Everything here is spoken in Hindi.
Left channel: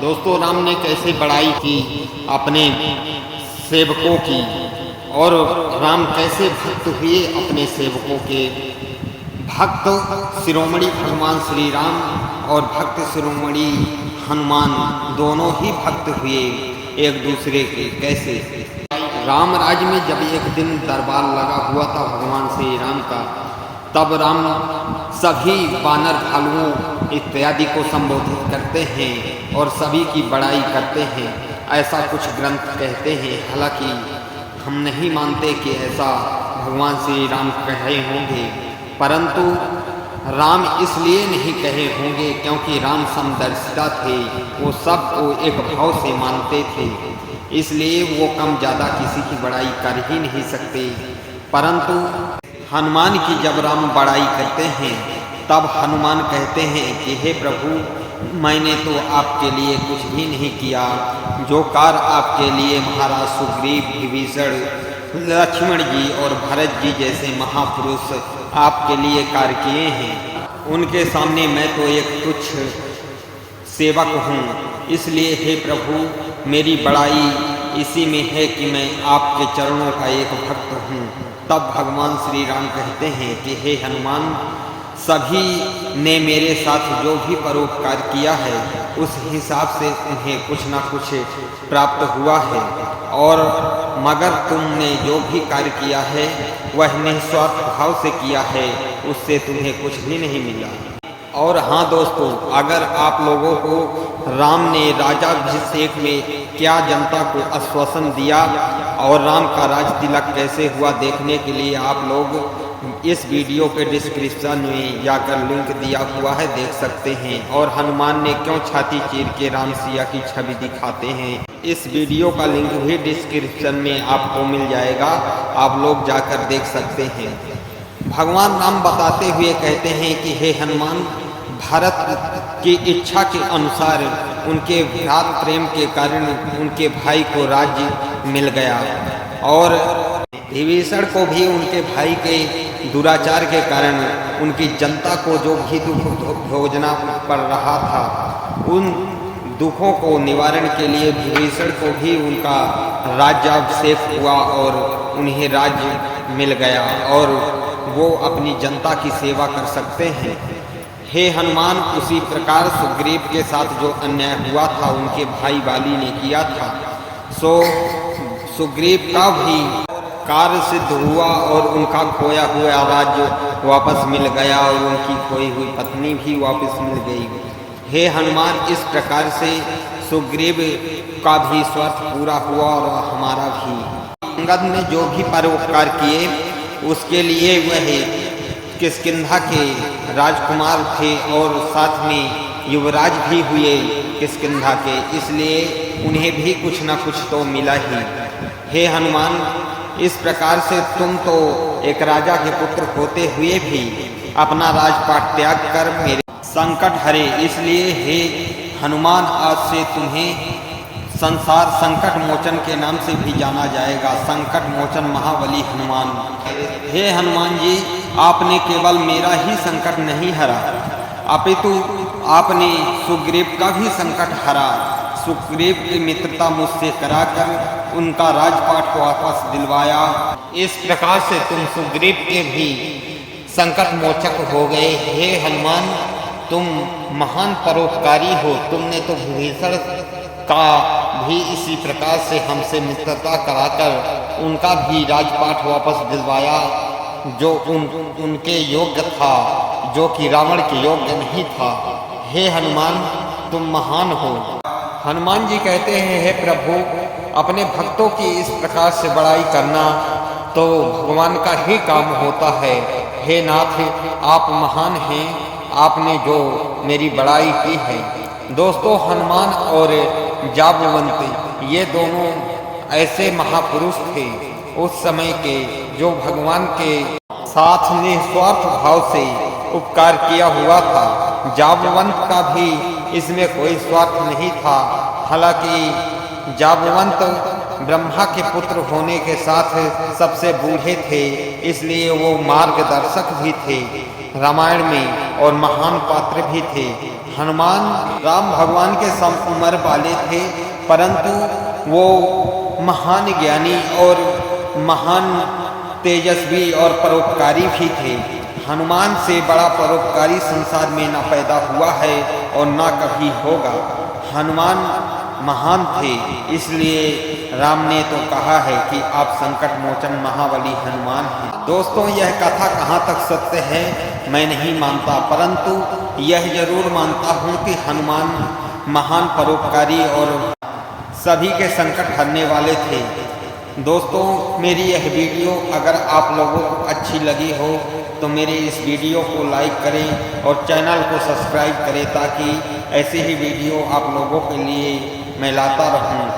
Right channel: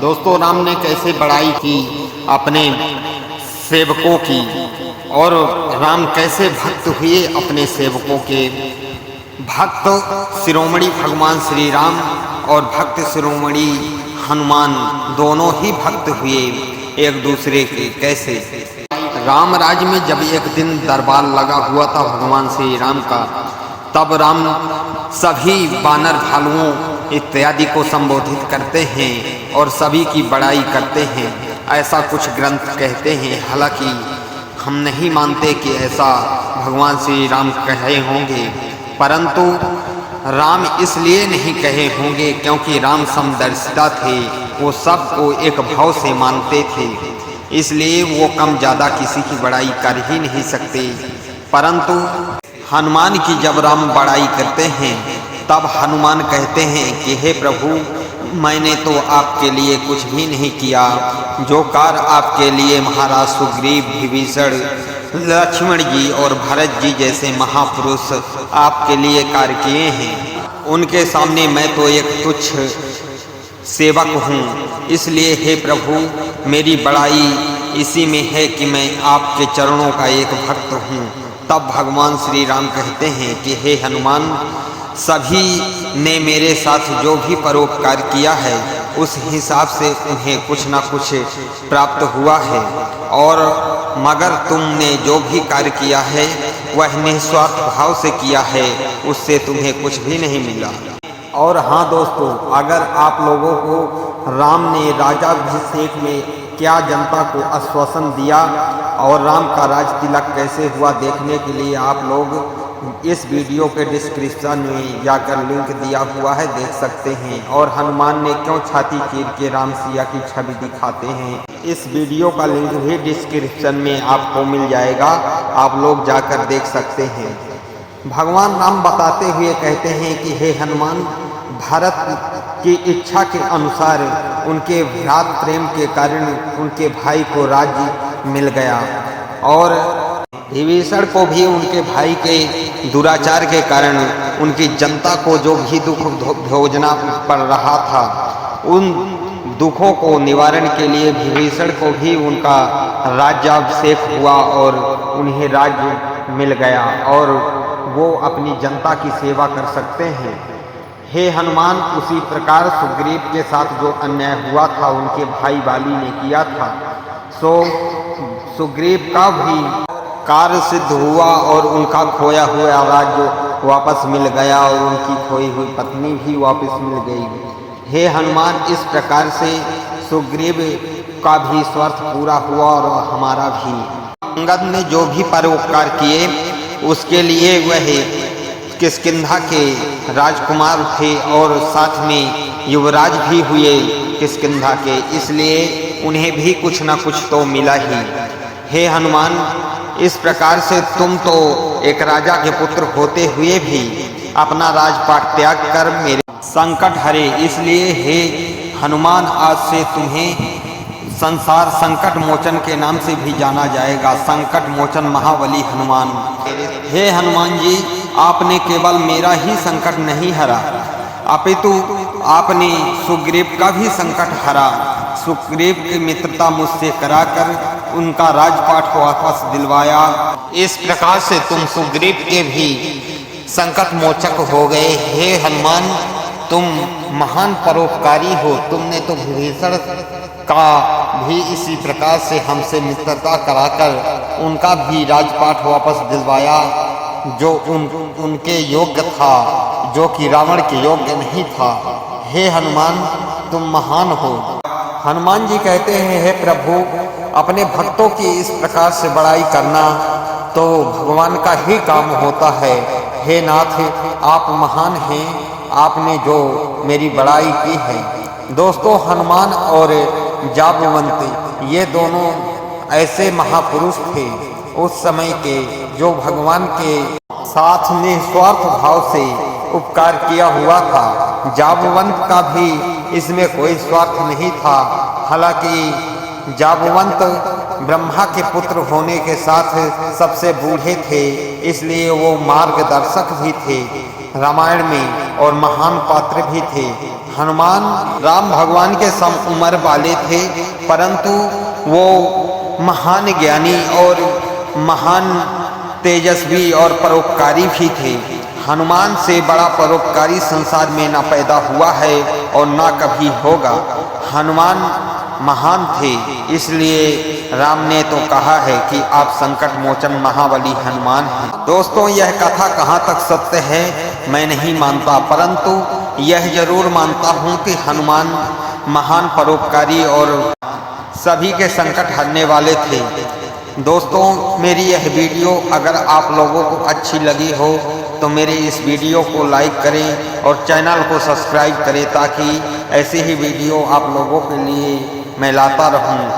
दोस्तों, राम ने कैसे बड़ाई की अपने सेवकों की, और राम कैसे भक्त हुए अपने सेवकों के। भक्त शिरोमणि भगवान श्री राम और भक्त शिरोमणि हनुमान दोनों ही भक्त हुए एक दूसरे के। कैसे? राम राज्य में जब एक दिन दरबार लगा हुआ था भगवान श्री राम का, तब राम सभी वानर भालुओं इत्यादि को संबोधित करते हैं और सभी की बड़ाई करते हैं, ऐसा कुछ ग्रंथ कहते हैं। हालांकि हम नहीं मानते कि ऐसा भगवान श्री राम कहे होंगे, परंतु राम इसलिए नहीं कहे होंगे क्योंकि राम समदर्शिता थे, वो सबको एक भाव से मानते थे, इसलिए वो कम ज़्यादा किसी की बड़ाई कर ही नहीं सकते। परंतु हनुमान की जब राम बड़ाई करते हैं तब हनुमान कहते हैं कि हे प्रभु, मैंने तो आपके लिए कुछ भी नहीं किया। जो कार्य आपके लिए महाराज सुग्रीव, विभीषण, लक्ष्मण जी और भरत जी जैसे महापुरुष आपके लिए कार्य किए हैं, उनके सामने मैं तो एक तुच्छ सेवक हूँ। इसलिए हे प्रभु, मेरी बड़ाई इसी में है कि मैं आपके चरणों का एक भक्त हूँ। तब भगवान श्री राम कहते हैं कि हे हनुमान, सभी ने मेरे साथ जो भी परोपकार किया है उस हिसाब से उन्हें कुछ ना कुछ प्राप्त हुआ है, और मगर तुमने जो भी कार्य किया है वह निस्वार्थ भाव से किया है, उससे तुम्हें कुछ भी नहीं मिला। और हाँ दोस्तों, अगर आप लोगों को राम ने राजाभिषेक में क्या जनता को आश्वासन दिया और राम का राज तिलक कैसे हुआ देखने के लिए आप लोग इस वीडियो के डिस्क्रिप्शन में जाकर लिंक दिया हुआ है, देख सकते हैं। और हनुमान ने क्यों छाती चीर के राम सिया की छवि दिखाते हैं, इस वीडियो का लिंक भी डिस्क्रिप्शन में आपको मिल जाएगा, आप लोग जाकर देख सकते हैं। भगवान राम बताते हुए कहते हैं कि हे हनुमान, भारत की इच्छा के अनुसार उनके भ्रात प्रेम के कारण उनके भाई को राज्य मिल गया, और विभीषण को भी उनके भाई के दुराचार के कारण उनकी जनता को जो भी दुख भोगना पड़ रहा था, उन दुखों को निवारण के लिए विभीषण को भी उनका राज्याभिषेक हुआ और उन्हें राज्य मिल गया, और वो अपनी जनता की सेवा कर सकते हैं। हे हनुमान, उसी प्रकार सुग्रीव के साथ जो अन्याय हुआ था उनके भाई बाली ने किया था, सो सुग्रीव का भी कार्य सिद्ध हुआ और उनका खोया हुआ राज्य वापस मिल गया और उनकी खोई हुई पत्नी भी वापस मिल गई। हे हनुमान, इस प्रकार से सुग्रीव का भी स्वार्थ पूरा हुआ और हमारा भी। अंगद ने जो भी परोपकार किए उसके लिए वह किष्किंधा के राजकुमार थे और साथ में युवराज भी हुए किष्किंधा के, इसलिए उन्हें भी कुछ ना कुछ तो मिला ही। हे हनुमान, इस प्रकार से तुम तो एक राजा के पुत्र होते हुए भी अपना राजपाट त्याग कर मेरे संकट हरे, इसलिए हे हनुमान, आज से तुम्हें संसार संकट मोचन के नाम से भी जाना जाएगा, संकट मोचन महाबली हनुमान। हे हनुमान जी, आपने केवल मेरा ही संकट नहीं हरा, अपितु आपने सुग्रीव का भी संकट हरा। सुग्रीव की मित्रता मुझसे कराकर उनका राजपाट वापस दिलवाया। इस प्रकार से तुम सुग्रीव के भी संकट मोचक हो गए। हे हनुमान, तुम महान परोपकारी हो। तुमने तो विभीषण का भी इसी प्रकार से हमसे मित्रता कराकर उनका भी राजपाट वापस दिलवाया, जो उनके योग्य था, जो कि रावण के योग्य नहीं था। हे हनुमान, तुम महान हो। हनुमान जी कहते हैं, हे प्रभु, अपने भक्तों की इस प्रकार से बड़ाई करना तो भगवान का ही काम होता है। हे नाथ, आप महान हैं, आपने जो मेरी बड़ाई की है। दोस्तों, हनुमान और जाबवंत ये दोनों ऐसे महापुरुष थे उस समय के, जो भगवान के साथ निस्वार्थ भाव से उपकार किया हुआ था। जाबवंत का भी इसमें कोई स्वार्थ नहीं था। हालांकि जाबवंत ब्रह्मा के पुत्र होने के साथ सबसे बूढ़े थे, इसलिए वो मार्गदर्शक भी थे रामायण में, और महान पात्र भी थे। हनुमान राम भगवान के सम उम्र वाले थे, परंतु वो महान ज्ञानी और महान तेजस्वी और परोपकारी भी थे। हनुमान से बड़ा परोपकारी संसार में न पैदा हुआ है और न कभी होगा। हनुमान महान थे, इसलिए राम ने तो कहा है कि आप संकट मोचन महाबली हनुमान हैं। दोस्तों, यह कथा कहाँ तक सत्य है मैं नहीं मानता, परंतु यह जरूर मानता हूँ कि हनुमान महान परोपकारी और सभी के संकट हरने वाले थे। दोस्तों, मेरी यह वीडियो अगर आप लोगों को अच्छी लगी हो तो मेरे इस वीडियो को लाइक करें और चैनल को सब्सक्राइब करें, ताकि ऐसी ही वीडियो आप लोगों के लिए मैं लाता रहूं।